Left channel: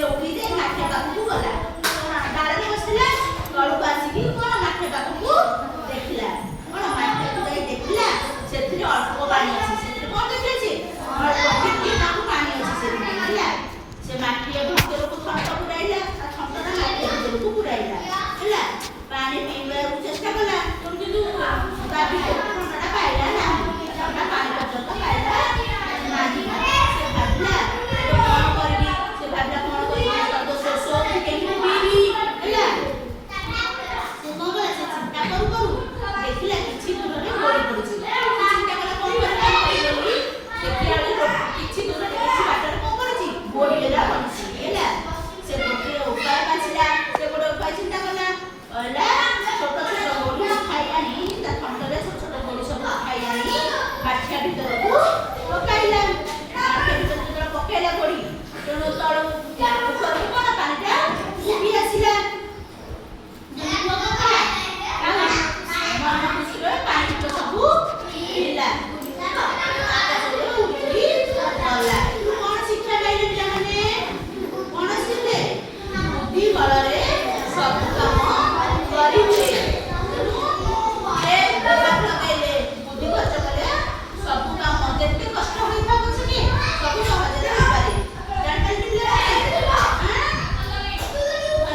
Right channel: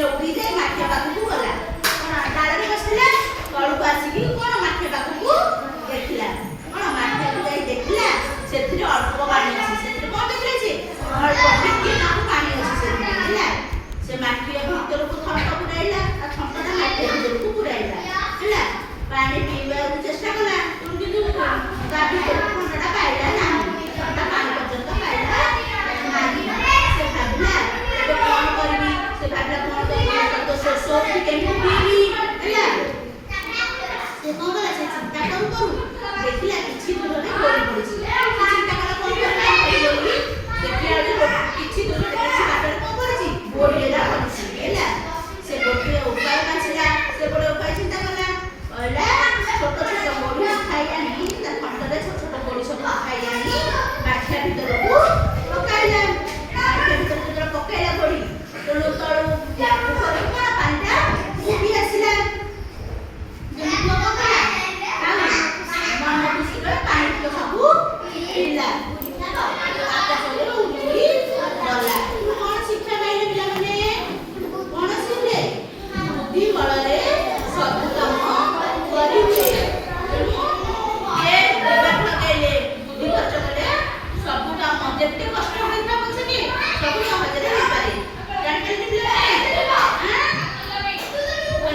से उड़ी जाए माठिया पाखु गला डाले बसला तळु आसिकी कोन माठिया पाखु देखला कोन माठिया को जाई देखला सेथिरे अल्प पानी अछि सेथिरे कोन देखले छी अल्प टिके नाकु पानी अछि सेथिरे हैला से माठिया भीतर को थंटा पुराइला आ थंटाटा माठिया भीतर को पुराइला हैला पानी पीबा चेष्टा कला तुम किंतु गाबी थंटाटा पाइला ना थंटा पानी पर्यंत पाइला नाही से भाबला तो कोन करबी से भाबला कोन करबी तो शोष भी केमी